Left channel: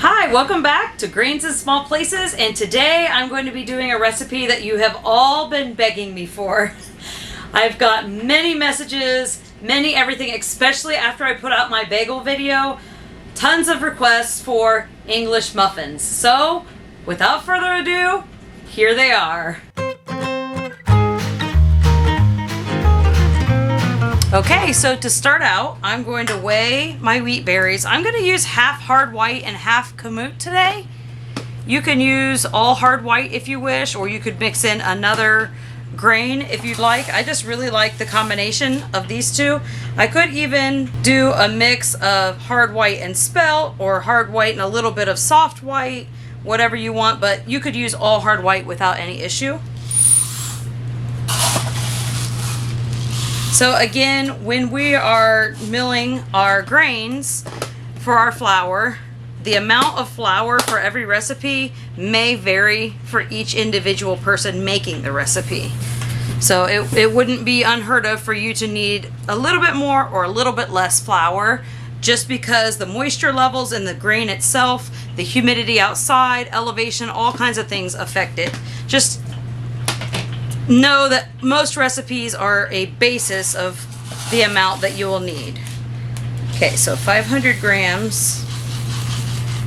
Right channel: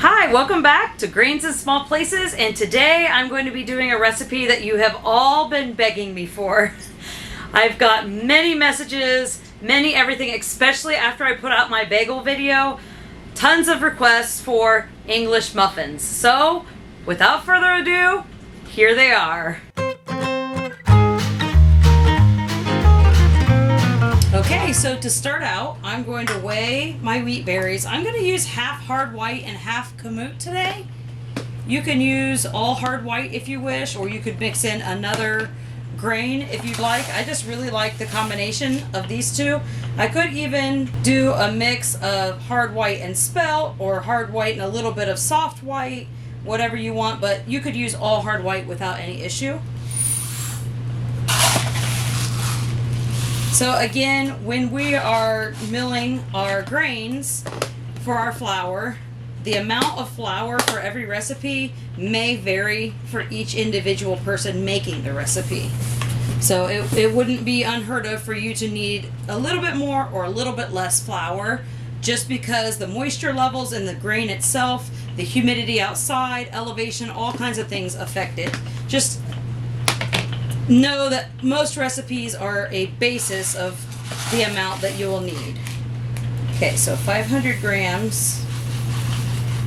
Hi, welcome back to Grains in Small Places, and today I'm going to be doing a recipe that you have all been begging me for. I've got many messages, many everything, especially after I put out my bagel video, tons of requests for English muffins. So, without further ado, here they are. Okay, so to start out, I'm going to weigh my wheat berries. I'm going to use half hard white and half kamut today. You can use all hard white if you wish, or you could mix in another grain if you'd like. I just really like the combination of these two. I could even do a mix of hard white and spelt, or hard white and a little bit of soft white, whatever you want, but you could use all hard white without any issue. So again, when we are milling our grains for our flour, the amount of flour for every recipe may vary for each individual person making the recipe. So it wouldn't be unheard of for you to need a little bit more or a little bit less flour, just because the moisture levels in the grain itself, the humidity outside, elevation, all kinds of things affect it. Just know that most recipes are a basis of the amount that you will need. Okay, so 500 grams.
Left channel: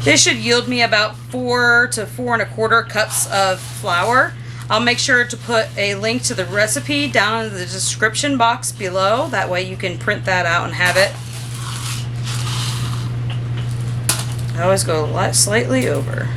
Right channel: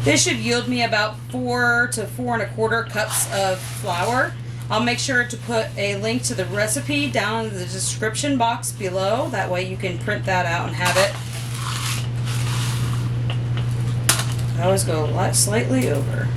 This should yield me about 4 to 4 1/4 cups of flour. I'll make sure to put a link to the recipe down in the description box below. That way you can print that out and have it. I always go slightly over.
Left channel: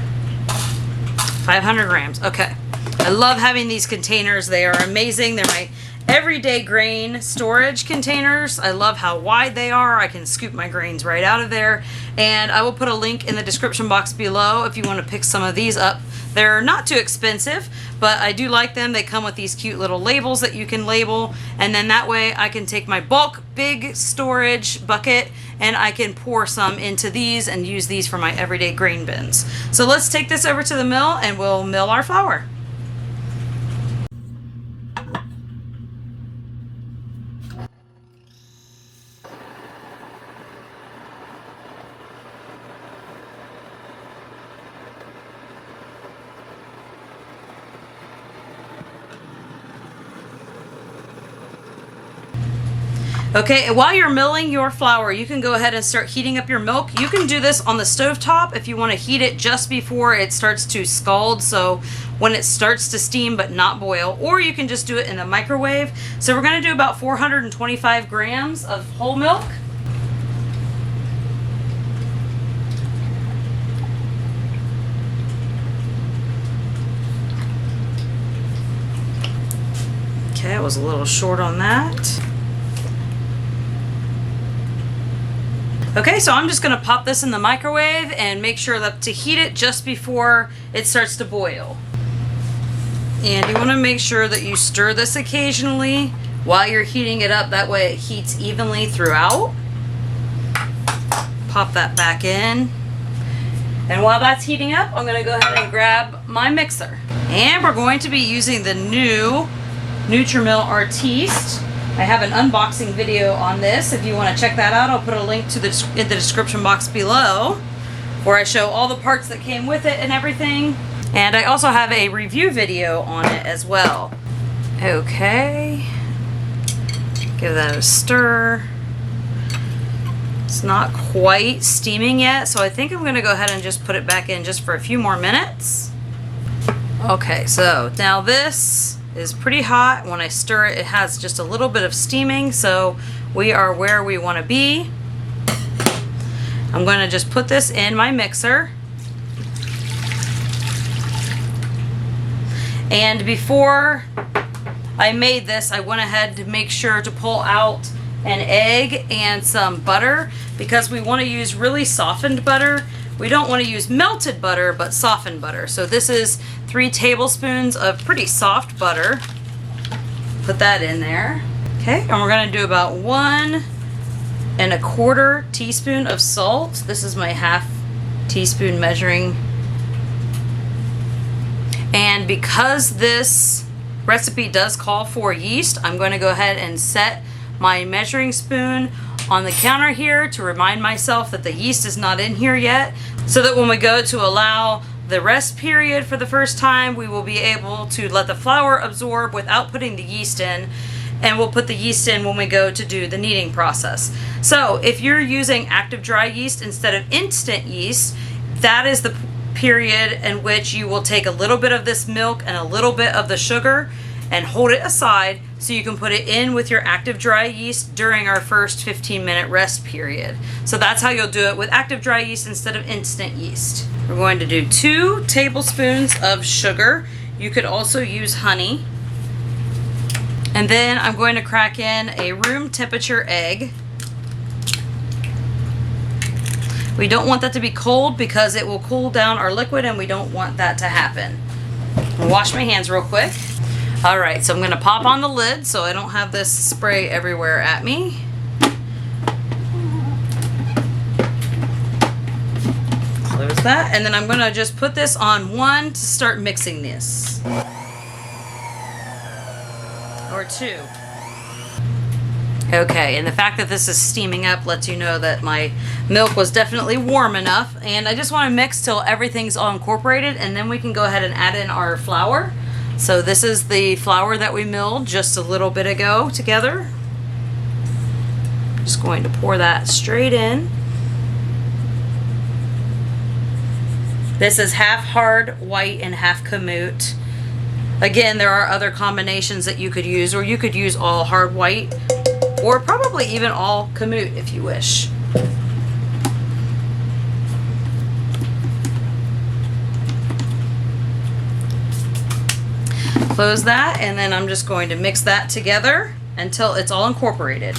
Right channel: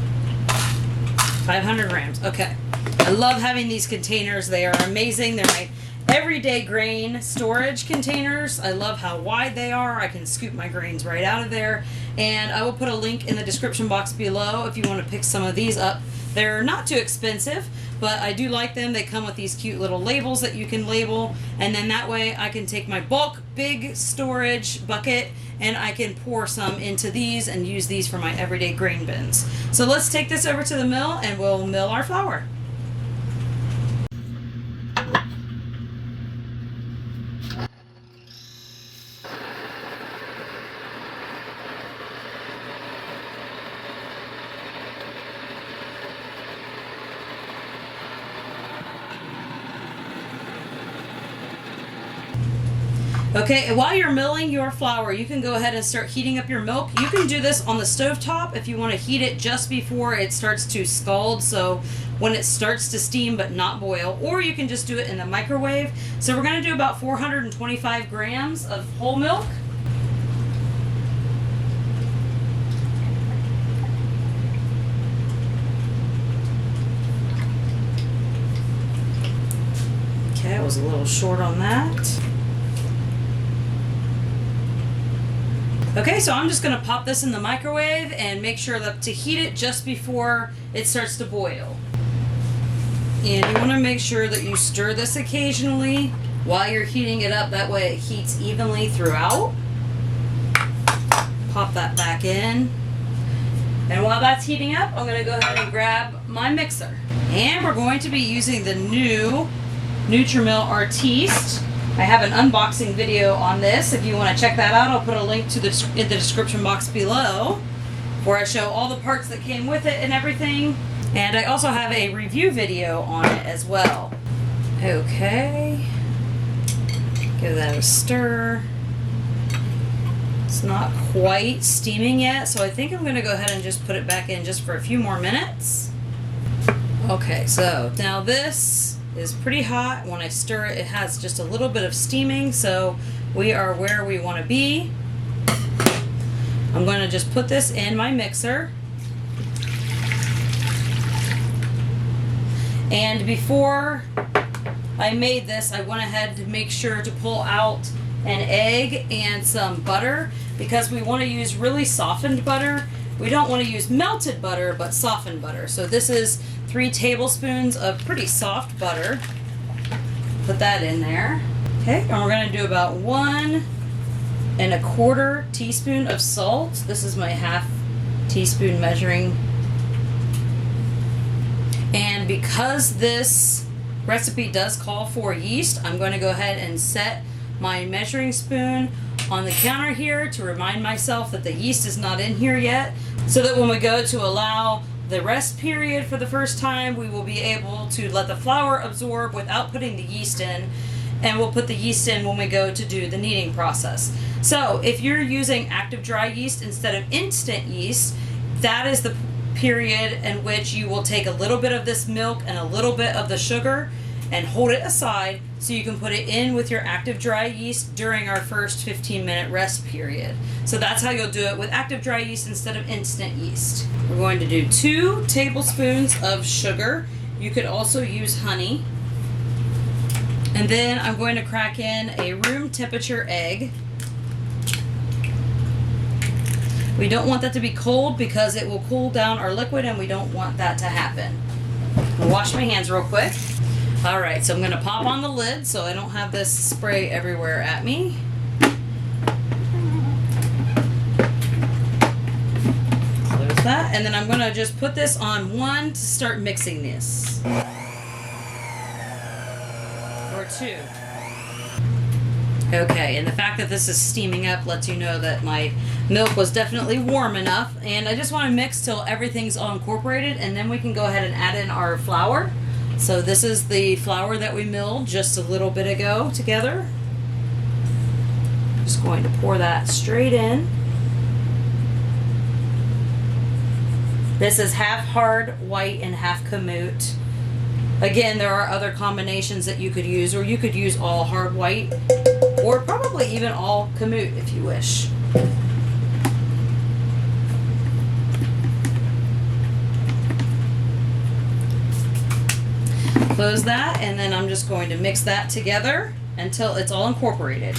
500 grams, okay. I love having these containers. They are amazing. They're my everyday grain storage containers. I love how wide they are. I can scoop my grains right out of there. And I will put a link in the description box below if you want to pick some of these up. They're not too expensive, but I do like them. They come with these cute little labels that you can label. And then that way I can take my bulk big storage bucket and I can pour some into these and use these for my everyday grain bins. So let's take this over to the mill and we'll mill our flour. Okay, while you're milling your flour, you can go ahead and start heating up your milk. You can do this on the stove top if you want to heat it just before it starts to scald, so when it starts to steam but not boil, or you can just do it in the microwave. So we're going to do about 425 grams of whole milk. Okay, I was a little short on that. Okay, so I'm just going to pop this in the microwave and make sure that to heat it just before it starts to boil. And you want to make sure that you stir this occasionally while you're heating it up. That way it heats evenly throughout. Pop that back in. And while that's heating up, I'm going to go ahead and grab my mixer. And we're going to be using the new Nutrimill Artiste. I have an unboxing video on this. If you want to check that out, I'll put a link to in the description box below, where I show all the parts that came with it and everything. And I also have a review video on it as well. Okay. Give that a stir. It's not quite steaming yet, so I think I'm going to go ahead and just put it back in just for a few more minutes. Okay, so now this is pretty hot. When I stir it, it has just a little bit of steaming, so we are where we want to be. I'm going to just put this in my mixer. And before I made this, I went ahead to make sure to pull out an egg and some butter, because we want to use really softened butter. We don't want to use melted butter, but softened butter. So this is 3 tablespoons of pretty soft butter. Put that in there. Okay, and we're going to do about 1 1/4 teaspoon of salt. This is my half teaspoon measuring. And because this recipe does call for yeast, I'm going to go ahead and set my measuring spoon on the counter here to remind myself that the yeast is not in here yet, so that when we go to allow the rest period for the first time, we will be able to let the flour absorb without putting the yeast in, and we'll put the yeast in when we go to do the kneading process. So if you're using active dry yeast instead of instant yeast, that is the period in which you will take a little bit of this milk and a little bit of the sugar and hold it aside so you can put it in with your active dry yeast during our first 15-minute rest period. So that's how you'll do it with active dry yeast instead of instant yeast. We're going to do 2 tablespoons of sugar. You could also use honey. And then I'm going to crack in a room temperature egg. We don't want that to be cold because it will cool down our liquid, and we don't want that to happen. I'll wash my hands real quick. All right, so I'm gonna pop on the lid so I don't have this spray everywhere at me. Close that, and then I'm gonna just put this on 1 to start mixing this. Or 2. Okay, and the fact that this is steaming up lets you know that my milk was definitely warm enough, and I just want to mix till everything's all incorporated, and then we can go ahead and add in our flour. So this is the flour that we milled just a little bit ago together. Just going to pour that straight in. This is half hard white and half kamut. Again, there are other combinations that you could use, or you could use all hard white, or probably even all kamut if you wish. Close that, and then I'm just going to mix that together until it's all incorporated.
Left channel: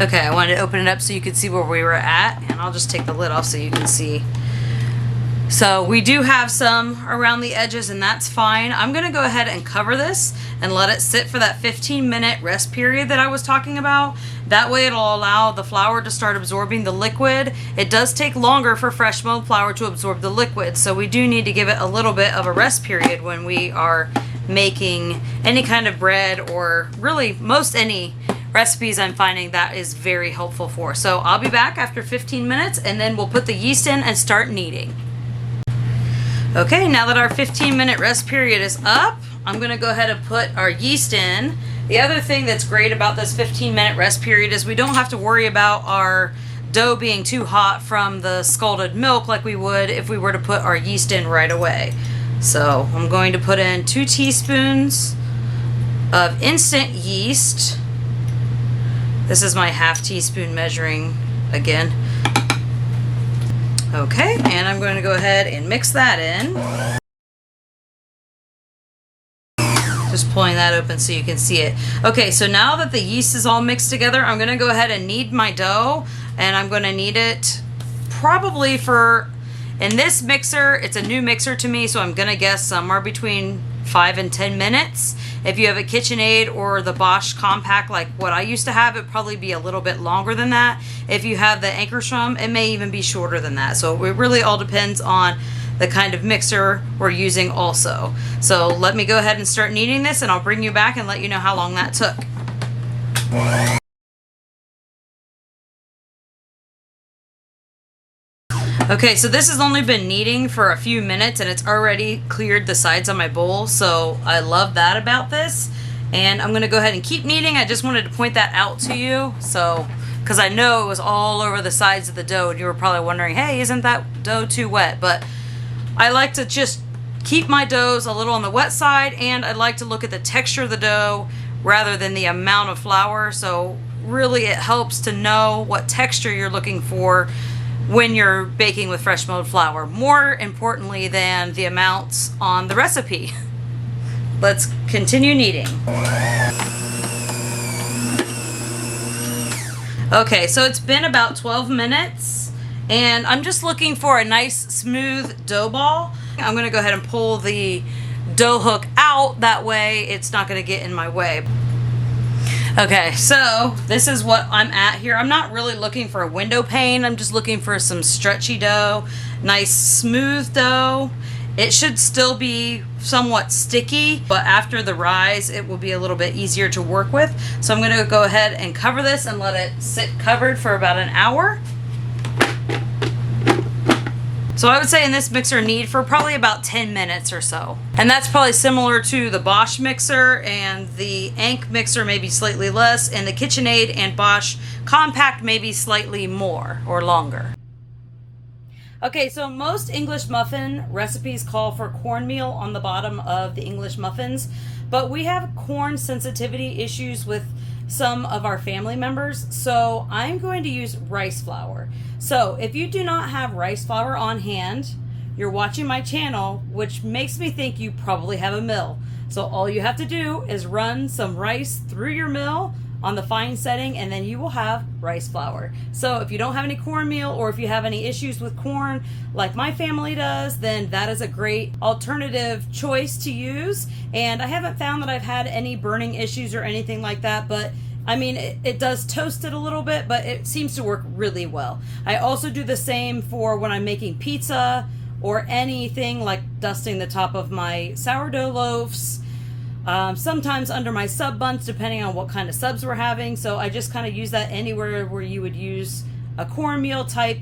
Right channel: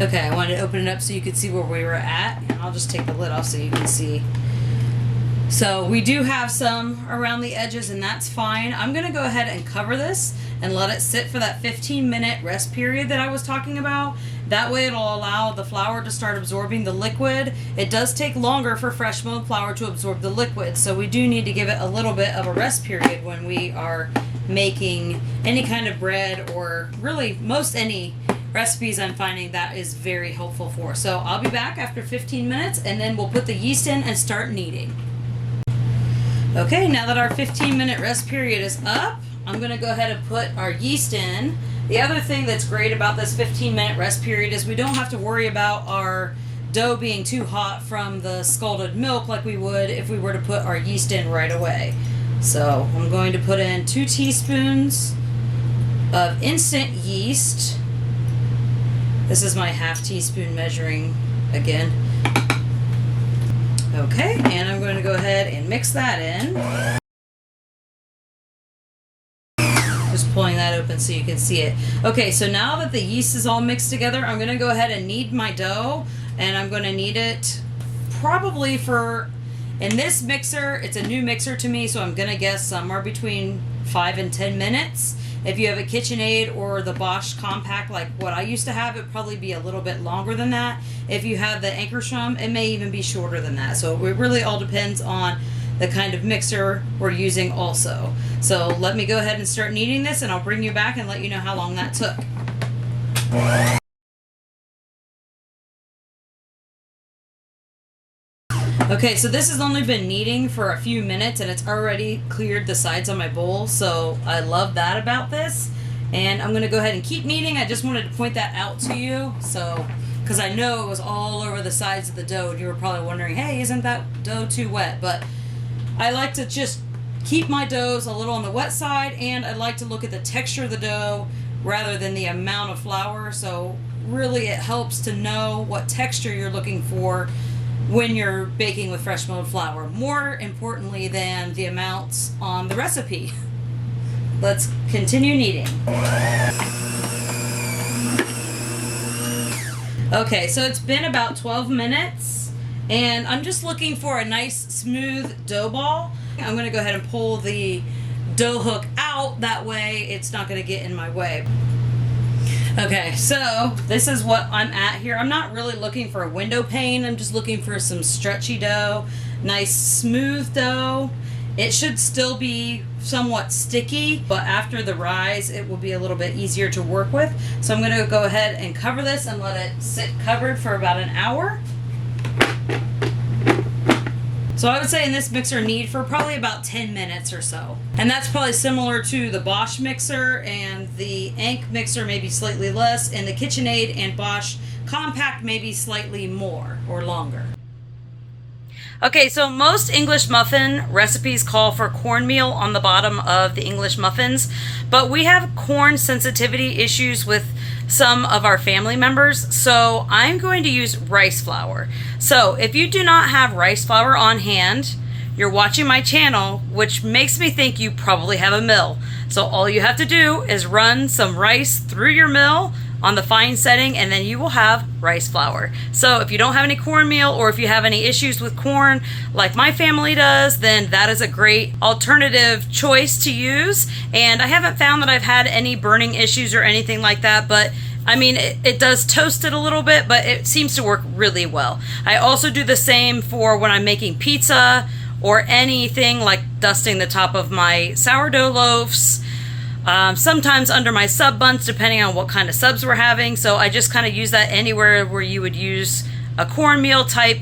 Okay, I wanted to open it up so you could see where we were at, and I'll just take the lid off so you can see. So we do have some around the edges, and that's fine. I'm gonna go ahead and cover this and let it sit for that 15-minute rest period that I was talking about. That way it'll allow the flour to start absorbing the liquid. It does take longer for fresh milled flour to absorb the liquid, so we do need to give it a little bit of a rest period when we are making any kind of bread, or really most any recipes I'm finding that is very helpful for. So I'll be back after 15 minutes, and then we'll put the yeast in and start kneading. Okay, now that our 15-minute rest period is up, I'm gonna go ahead and put our yeast in. The other thing that's great about this 15-minute rest period is we don't have to worry about our dough being too hot from the scalded milk like we would if we were to put our yeast in right away. So I'm going to put in 2 teaspoons of instant yeast. This is my ½ teaspoon measuring again. Okay, and I'm going to go ahead and mix that in. Just pulling that open so you can see it. Okay, so now that the yeast is all mixed together, I'm going to go ahead and knead my dough, and I'm going to knead it probably for, in this mixer, it's a new mixer to me, so I'm going to guess somewhere between 5 and 10 minutes. If you have a KitchenAid or the Bosch Compact like what I used to have, it'd probably be a little bit longer than that. If you have the Ankerstrom, it may even be shorter than that. So it really all depends on the kind of mixer we're using also. So let me go ahead and start kneading this, and I'll bring you back and let you know how long that took. Okay, so this has only been kneading for a few minutes, and it's already cleared the sides on my bowl, so I love that about this. And I'm gonna go ahead and keep kneading. I just wanted to point that out to you, so, because I know it was all over the sides of the dough, and you were probably wondering, hey, isn't that dough too wet? But I like to just keep my doughs a little on the wet side, and I like to look at the texture of the dough rather than the amount of flour. So really it helps to know what texture you're looking for when you're baking with fresh milled flour, more importantly than the amounts on the recipe. Let's continue kneading. Okay, so it's been about 12 minutes, and I'm just looking for a nice smooth dough ball. I'm gonna go ahead and pull the dough hook out, that way it's not gonna get in my way. Okay, so this is what I'm at here. I'm not really looking for a window pane. I'm just looking for some stretchy dough, nice smooth dough. It should still be somewhat sticky, but after the rise, it will be a little bit easier to work with. So I'm gonna go ahead and cover this and let it sit covered for about an hour. So I would say in this mixer knead for probably about 10 minutes or so. And that's probably similar to the Bosch mixer, and the Ank mixer maybe slightly less, and the KitchenAid and Bosch compact maybe slightly more or longer. Okay, so most English muffin recipes call for cornmeal on the bottom of the English muffins, but we have corn sensitivity issues with some of our family members, so I'm going to use rice flour. So if you do not have rice flour on hand, you're watching my channel, which makes me think you probably have a mill. So all you have to do is run some rice through your mill on the fine setting, and then you will have rice flour. So if you don't have any cornmeal, or if you have any issues with corn like my family does, then that is a great alternative choice to use. And I haven't found that I've had any burning issues or anything like that, but I mean, it does toast it a little bit, but it seems to work really well. I also do the same for when I'm making pizza or anything like dusting the top of my sourdough loaves. Sometimes under my sub buns, depending on what kind of subs we're having. So I just kind of use that anywhere where you would use a cornmeal type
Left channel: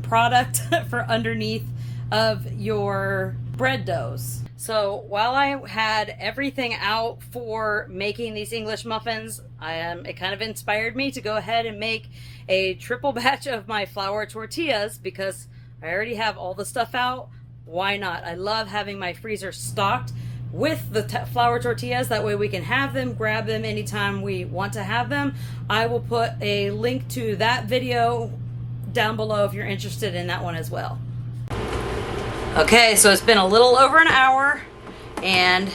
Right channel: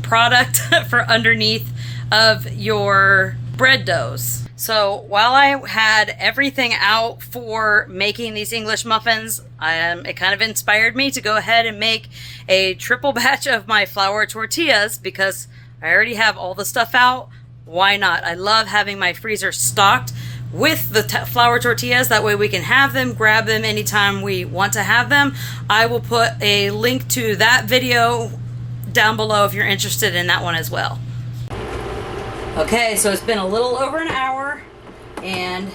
product for underneath of your bread doughs. So while I had everything out for making these English muffins, it kind of inspired me to go ahead and make a triple batch of my flour tortillas, because I already have all the stuff out. Why not? I love having my freezer stocked with the flour tortillas. That way we can have them, grab them anytime we want to have them. I will put a link to that video down below if you're interested in that one as well. Okay, so it's been a little over an hour, and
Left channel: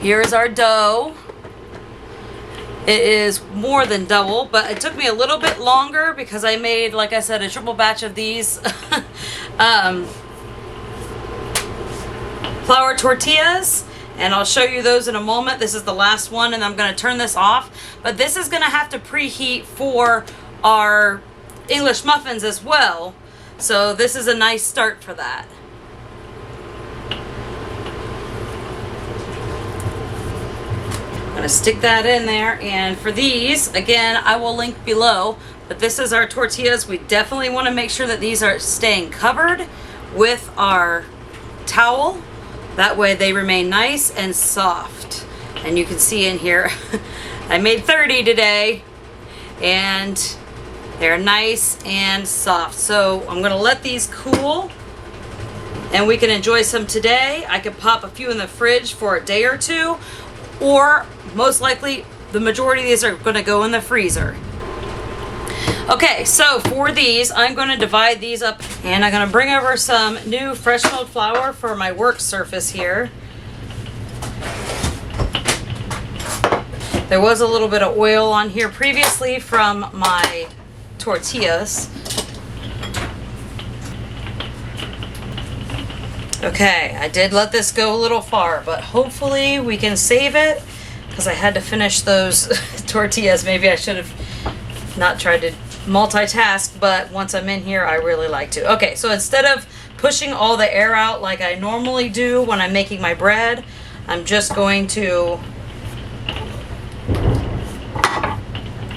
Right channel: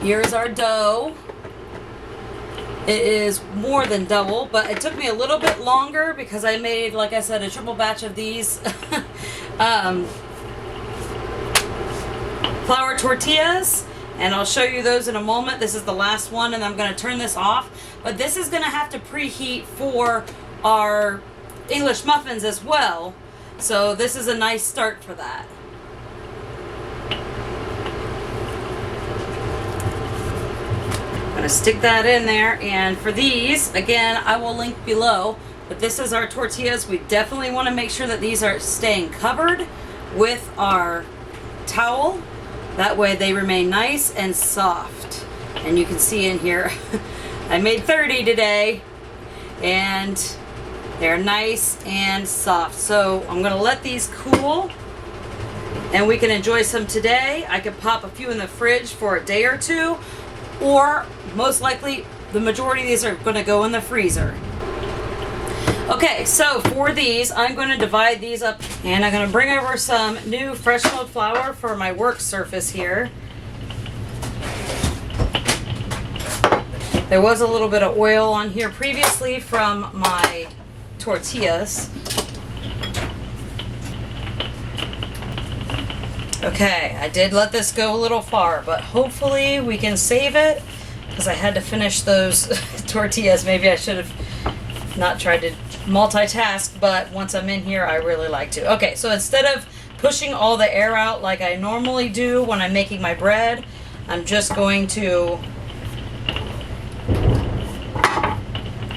here's our dough. It is more than double, but it took me a little bit longer because I made, like I said, a triple batch of these flour tortillas, and I'll show you those in a moment. This is the last one, and I'm going to turn this off, but this is going to have to preheat for our English muffins as well, so this is a nice start for that. I'm going to stick that in there, and for these, again, I will link below, but this is our tortillas. We definitely want to make sure that these are staying covered with our towel. That way they remain nice and soft. And you can see in here, I made 30 today, and they're nice and soft. So I'm going to let these cool, and we can enjoy some today. I could pop a few in the fridge for a day or two, or most likely the majority of these are going to go in the freezer. Okay, so for these, I'm going to divide these up, and I'm going to bring over some new fresh milled flour for my work surface here. There was a little bit of oil on here previously from my tortillas. Okay, I did let this go a little far, but hopefully we can save it, because I had to finish those tortillas. Maybe I should have not tried to multitask, but once I'm in here, I really like to. Okay, so instead of pushing all the air out like I normally do when I'm making my bread, I'm just going to...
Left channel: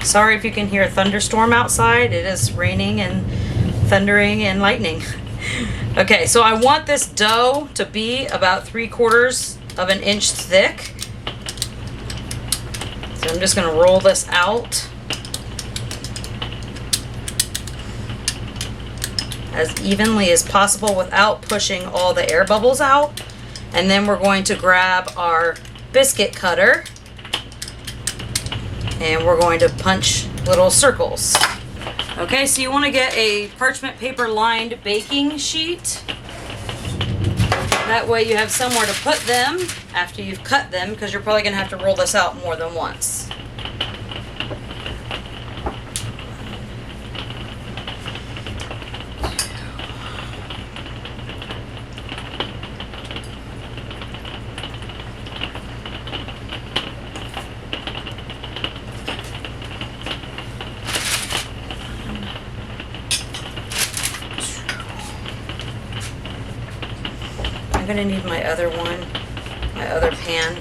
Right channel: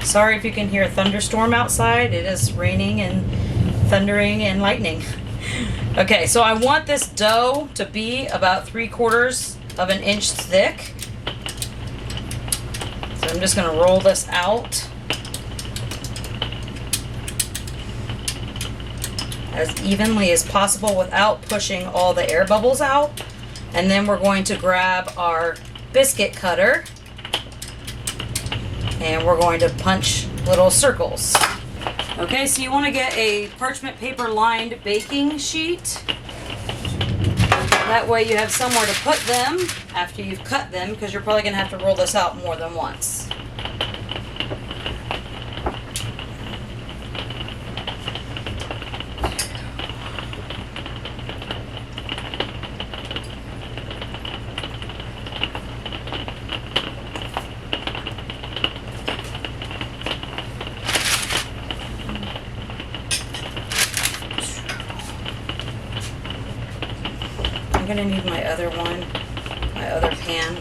Sorry if you can hear a thunderstorm outside. It is raining and thundering and lightning. Okay, so I want this dough to be about 3/4 of an inch thick. So I'm just going to roll this out as evenly as possible without pushing all the air bubbles out. And then we're going to grab our biscuit cutter, and we're going to punch little circles. Okay, so you want to get a parchment paper lined baking sheet. That way you have somewhere to put them after you've cut them, because you're probably going to have to roll this out more than once. gonna need my other one, my other pan.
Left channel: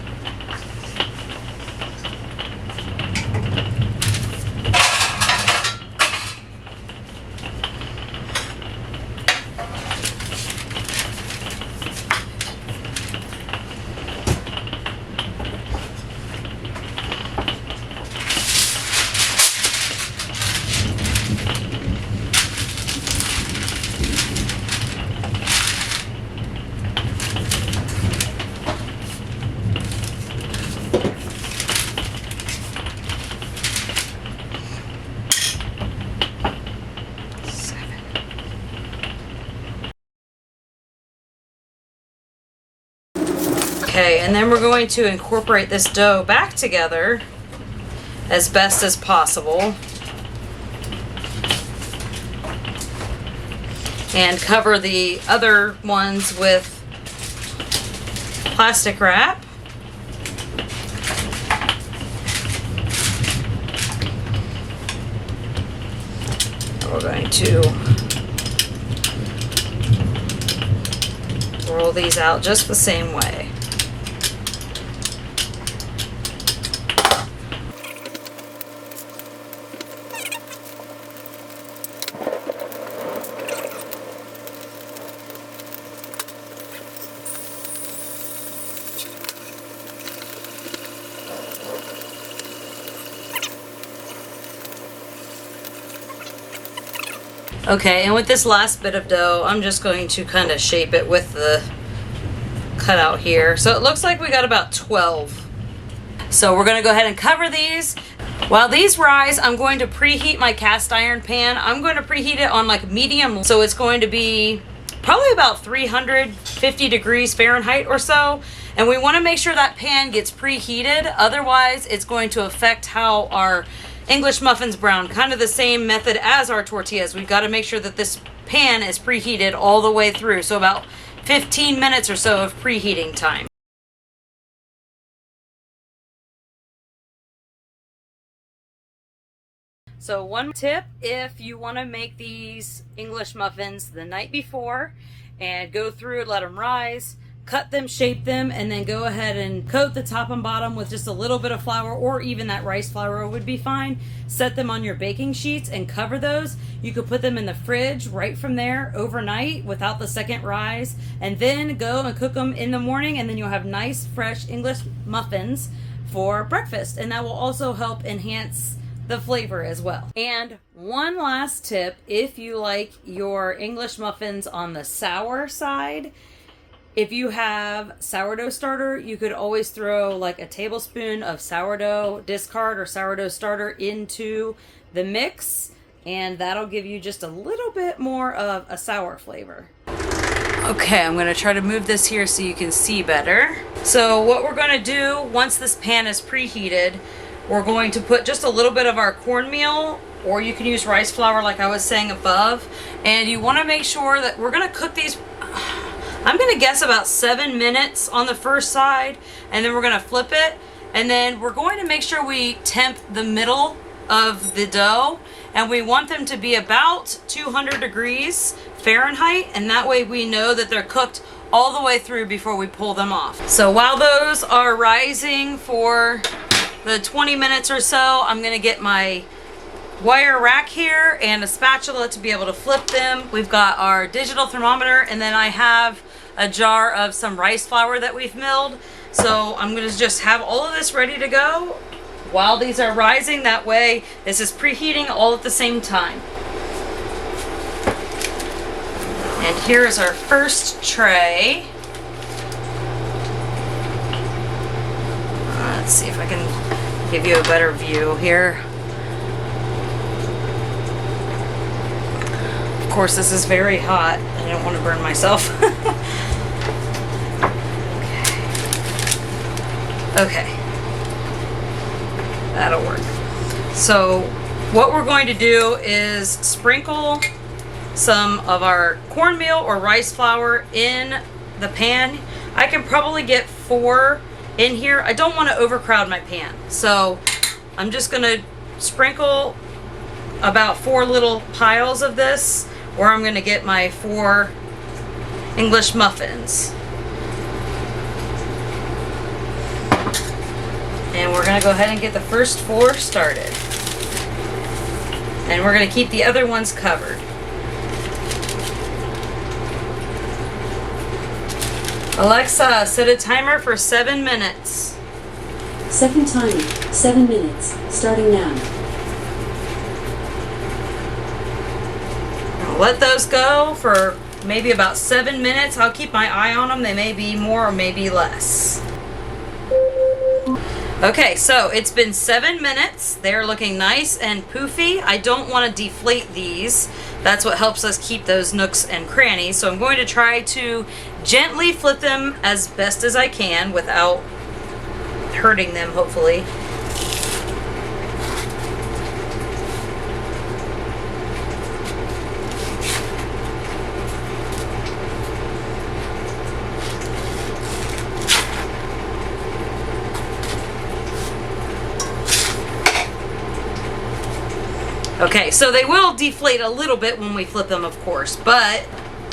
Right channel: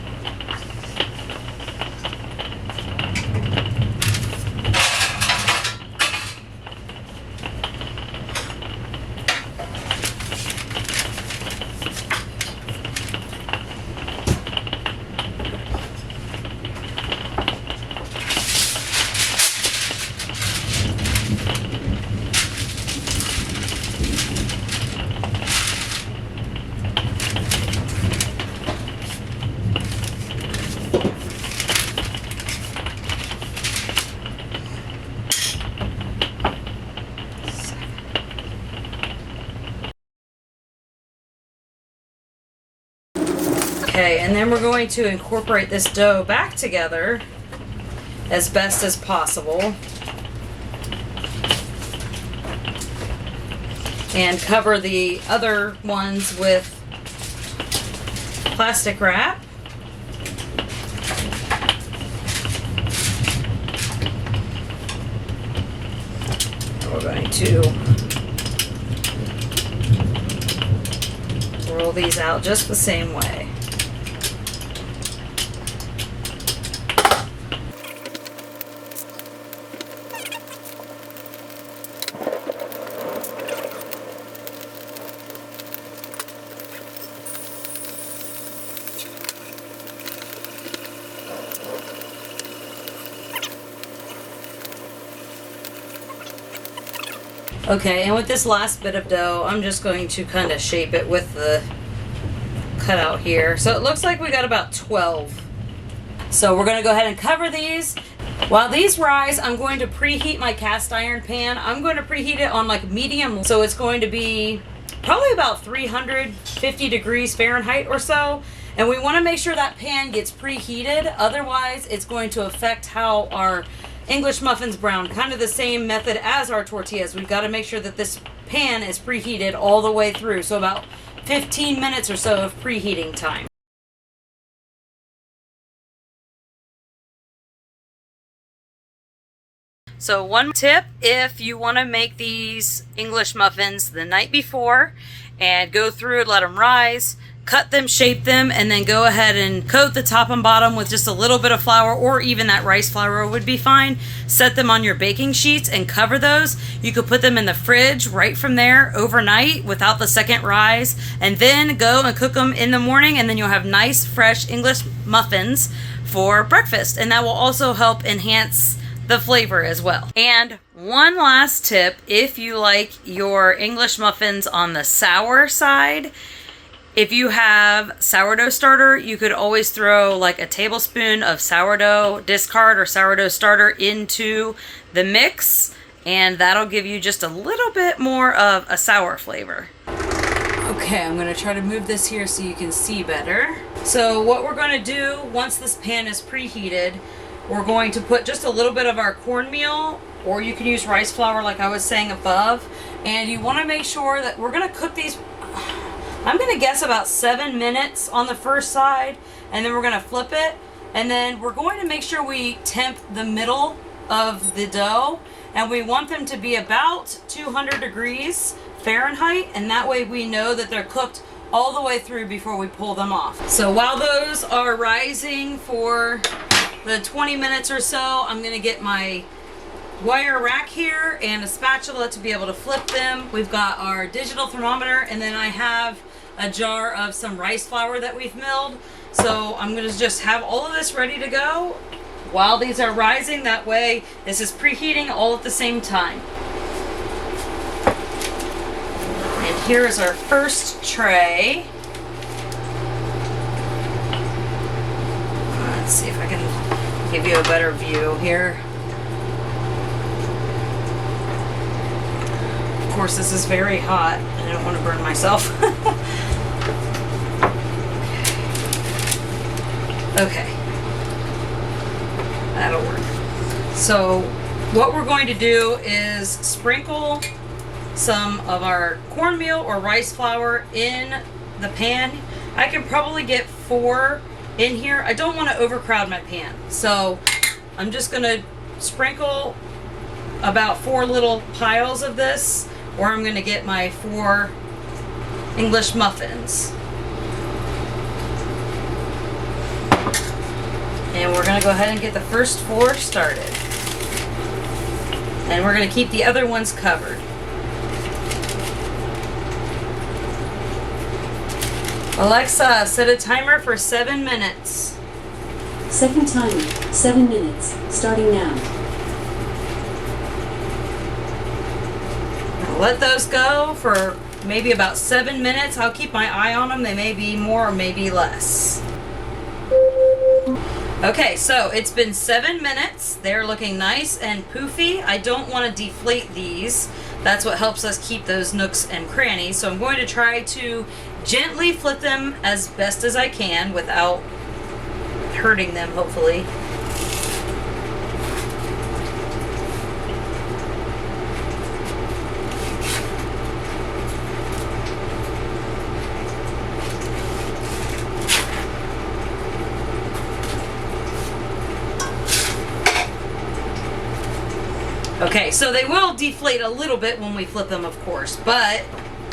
Okay, and then we're going to incorporate this dough back together as best as possible. And cover the other ones with plastic wrap. We're going to roll these out just the same way. Okay, and with this last bit of dough, I'm just going to kind of shape it with the cutout here. So it looks like we got about 12. So we're gonna go ahead and cover these. While these rise, I'm going to preheat my cast iron pan. I'm going to preheat it on like medium, so it's going to be probably about 350 degrees Fahrenheit or so. And we wanna make sure that pan gets preheated, otherwise it's going to affect how our English muffins brown. Kind of the same method as our tortillas. We've got to make sure that this pan is preheated all the way through. So about 15 minutes or so of preheating time. So one tip, if you want to make these English muffins the night before and go through and let them rise, cut them, shape them, and then go ahead and coat the top and bottom with just a little bit of flour, or even that rice flour would be fine. Set them on your baking sheets and cover those. You could put them in the fridge right from there overnight without the second rise, and then go and cook them in the morning, and then you'll have nice fresh English muffins for breakfast, and that will also help enhance the flavor as well. And one last tip, if you like your English muffins on the sour side, if you have sourdough starter, you could always throw like a tablespoon of sourdough discard or sourdough starter into the mix, and that'll give you just a little bit more of a sour flavor. Okay, I'm gonna try to move this here so you can see better. So what we're gonna do, once this pan is preheated, we're going to put just a little bit of our cornmeal, or you can use rice flour like I was saying above, and you wanna make sure that we're gonna cook these, I'm gonna guess about 7 minutes on the first side, and then we're gonna flip it, and then we're going to make sure we temp the middle of the dough, and we want them to be about 200 degrees Fahrenheit, and that way we know that they're cooked all the way through before we pull them off. So while those are rising for the 20 minutes or so, I'm gonna get my wire rack here and a spatula to be able to flip them. We've got our digital thermometer, and then I have a jar of some rice flour that we've milled. So I'm gonna just have all of this ready to go while these are rising. That way this is preheating all at the same time. And here's our first tray. Let's see if I can give you a better view here. Of course, this is very hot. I don't want to burn myself. Okay. That'll work. So what we're going to do is sprinkle some of our cornmeal or rice flour in the pan. I can probably get 4 in here. I don't want to overcrowd my pan. So I'm just going to sprinkle about 4 little piles of this, or I'm going to get my 4 English muffins. And we're gonna go ahead and get the first 4 started. And we're gonna keep the other ones covered. Alexa, set a timer for 7 minutes. Second timer, 7 minutes, starting now. Let those go for maybe about 7 minutes. I'll keep my eye on them. They may be more or maybe less. Okay, so it's been 7 minutes. They're looking nice and poofy. I don't want to deflate these. That's what helps us keep those nooks and crannies. So I'm going to try to gently flip them as best as I can without hurting them, hopefully. Okay, so they will deflate a little bit when we flip them, of course, but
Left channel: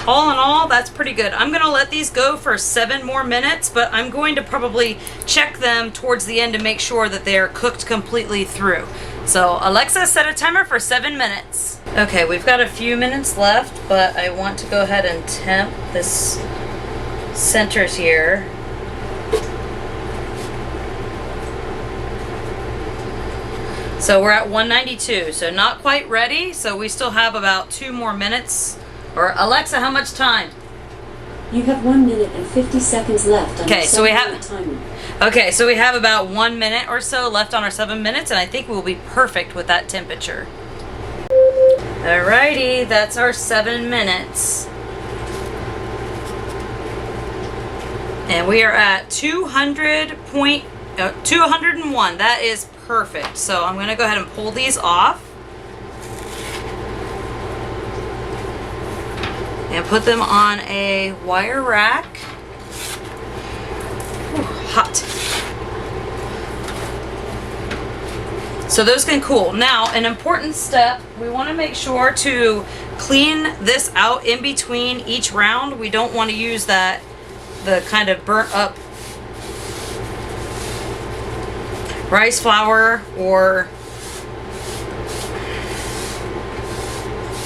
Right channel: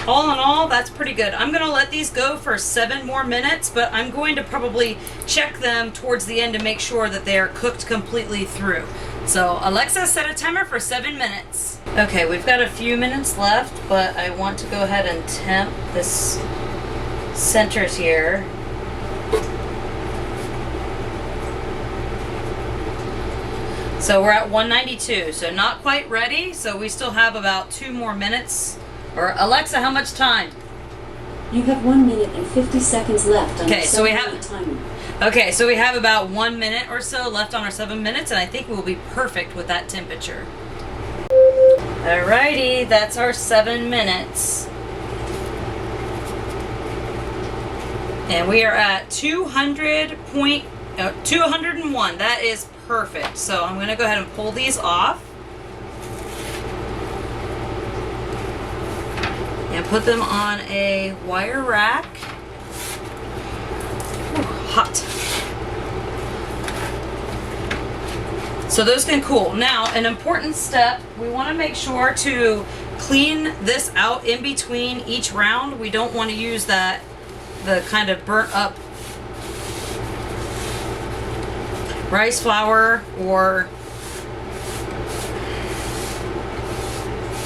all in all, that's pretty good. I'm gonna let these go for 7 more minutes, but I'm going to probably check them towards the end to make sure that they're cooked completely through. So Alexa, set a timer for 7 minutes. Okay, we've got a few minutes left, but I want to go ahead and temp this centers here. So we're at 192, so not quite ready. So we still have about 2 more minutes. Or Alexa, how much time? You have 1 minute and 50 seconds left. Okay, so we have timer. Okay, so we have about 1 minute or so left on our 7 minutes, and I think we'll be perfect with that temperature. Alrighty, that's our 7 minutes. And we are at 201. That is perfect. So I'm going to go ahead and pull these off and put them on a wire rack. Ooh, hot. So those can cool. Now, an important step, we want to make sure to clean this out in between each round. We don't want to use the kind of burnt up rice flour or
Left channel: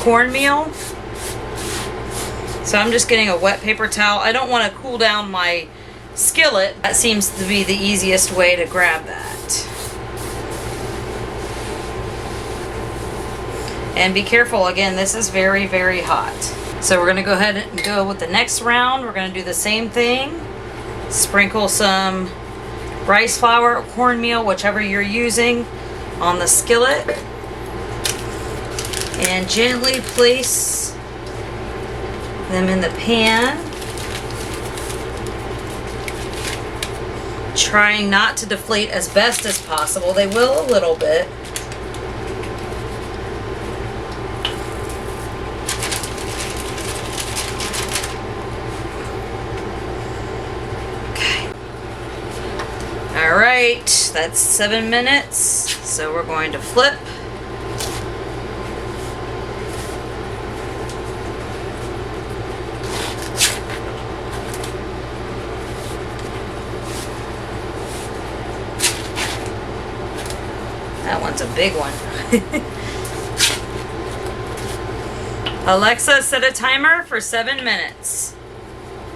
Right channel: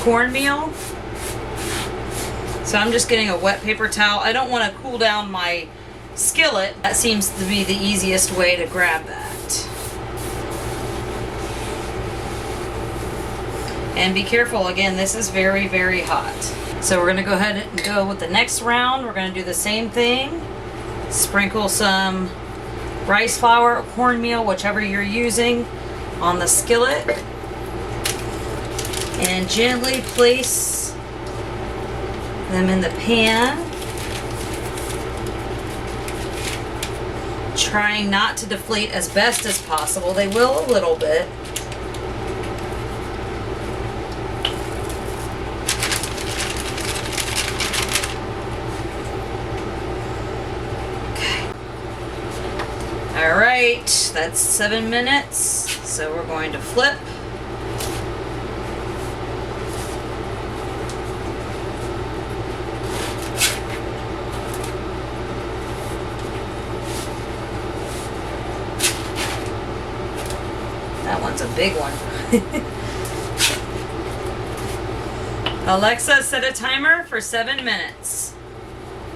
cornmeal. So I'm just getting a wet paper towel. I don't want to cool down my skillet. That seems to be the easiest way to grab that. And be careful, again, this is very, very hot. So we're going to go ahead and go with the next round. We're going to do the same thing. Sprinkle some rice flour or cornmeal, whichever you're using, on the skillet, and gently place them in the pan, trying not to deflate as best as possible. They will a little bit. Alright, that's 7 minutes, so we're going to flip. That one's a big one. Alexa, set a timer for 7 minutes.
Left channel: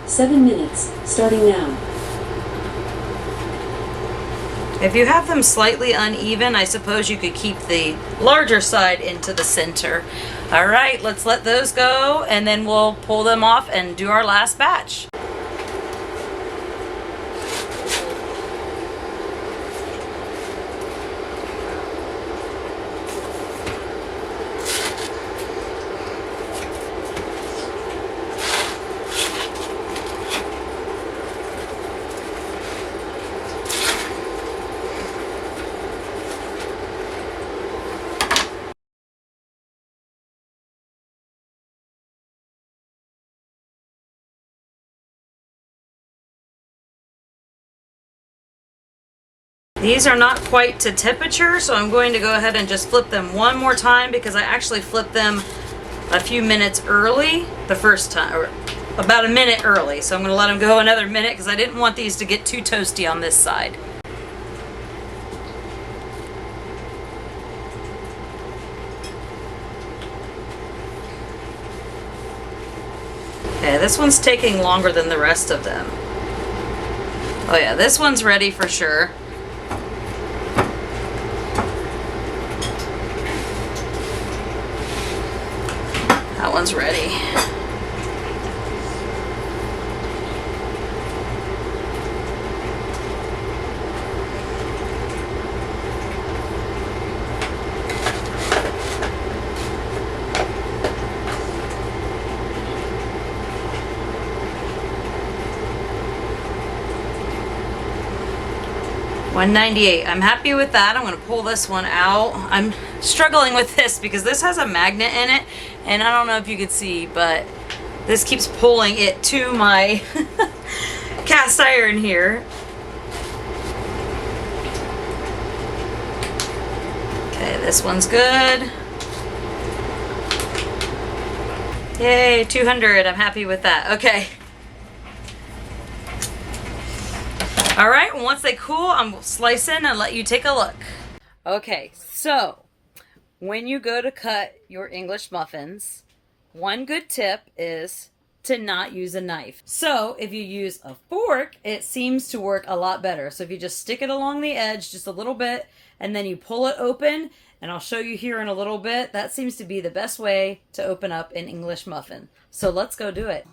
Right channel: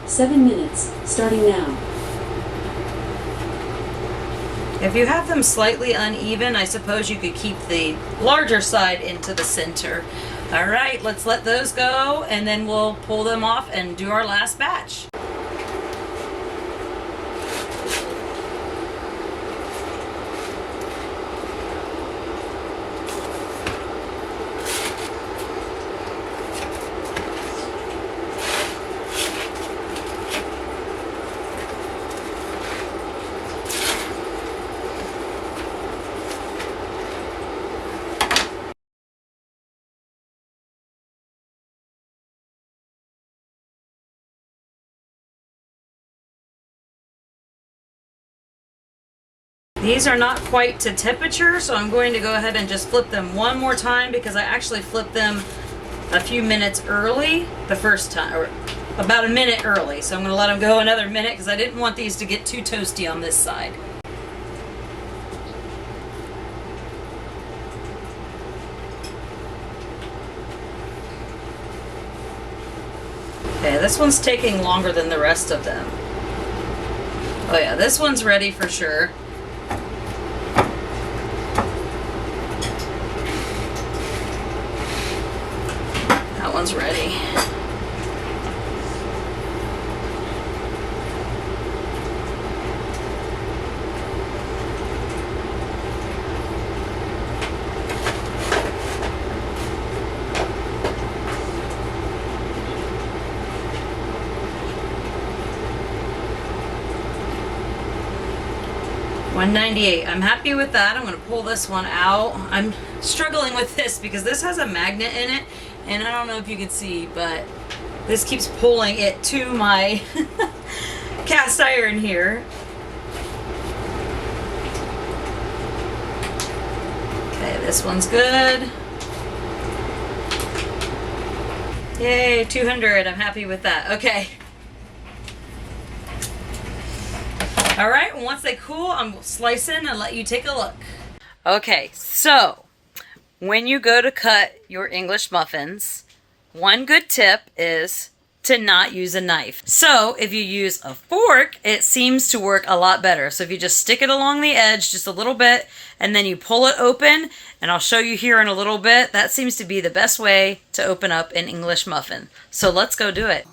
7 minutes, starting now. If you have them slightly uneven, I suppose you could keep the larger side into the center. All right, let's let those go, and then we'll pull them off and do our last batch. These are not quite to temperature, so I'm going to go ahead and just flip them one more time because I actually flipped them a few minutes early the first time, or about a minute early. So I'm going to let them go another minute because I didn't want these to get too toasty on this side. Okay, this one's taking longer than the rest of them. Oh yeah, this one's ready for sure. That one's ready. $1.98. I'm happy with that. I'm going to pull this one out. I'm struggling with this because this has a magnet in it, and I don't know if you can see, but this keeps pulling it to my cast iron here. Okay, this one's good. Yay, 200. I'm happy with that. Okay. All right, once they cool, I'm slicing and let you take a look. Okay, so when you go to cut your English muffins, one good tip is to not use a knife. So if you use a fork, it seems to work a lot better. So if you just stick it along the edge just a little bit and then you pull it open, and I'll show you here in a little bit, that seems to be the best way to open up an English muffin. So let's go do it.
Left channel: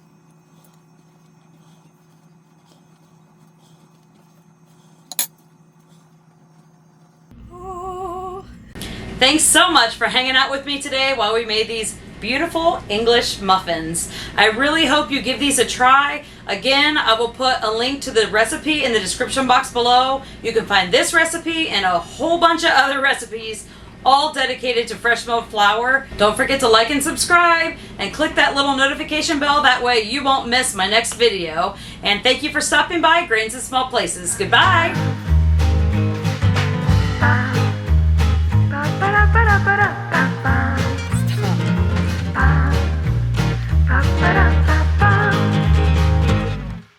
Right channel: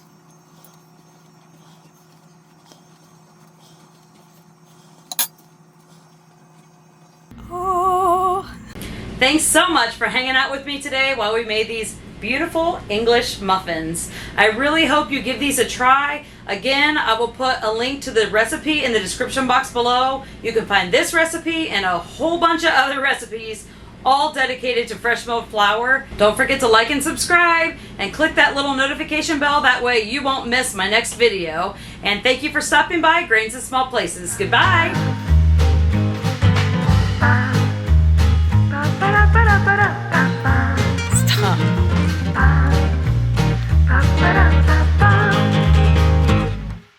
Thanks so much for hanging out with me today while we made these beautiful English muffins. I really hope you give these a try. Again, I will put a link to the recipe in the description box below. You can find this recipe and a whole bunch of other recipes, all dedicated to fresh milled flour. Don't forget to like and subscribe and click that little notification bell. That way you won't miss my next video. And thank you for stopping by Grains in Small Places. Goodbye.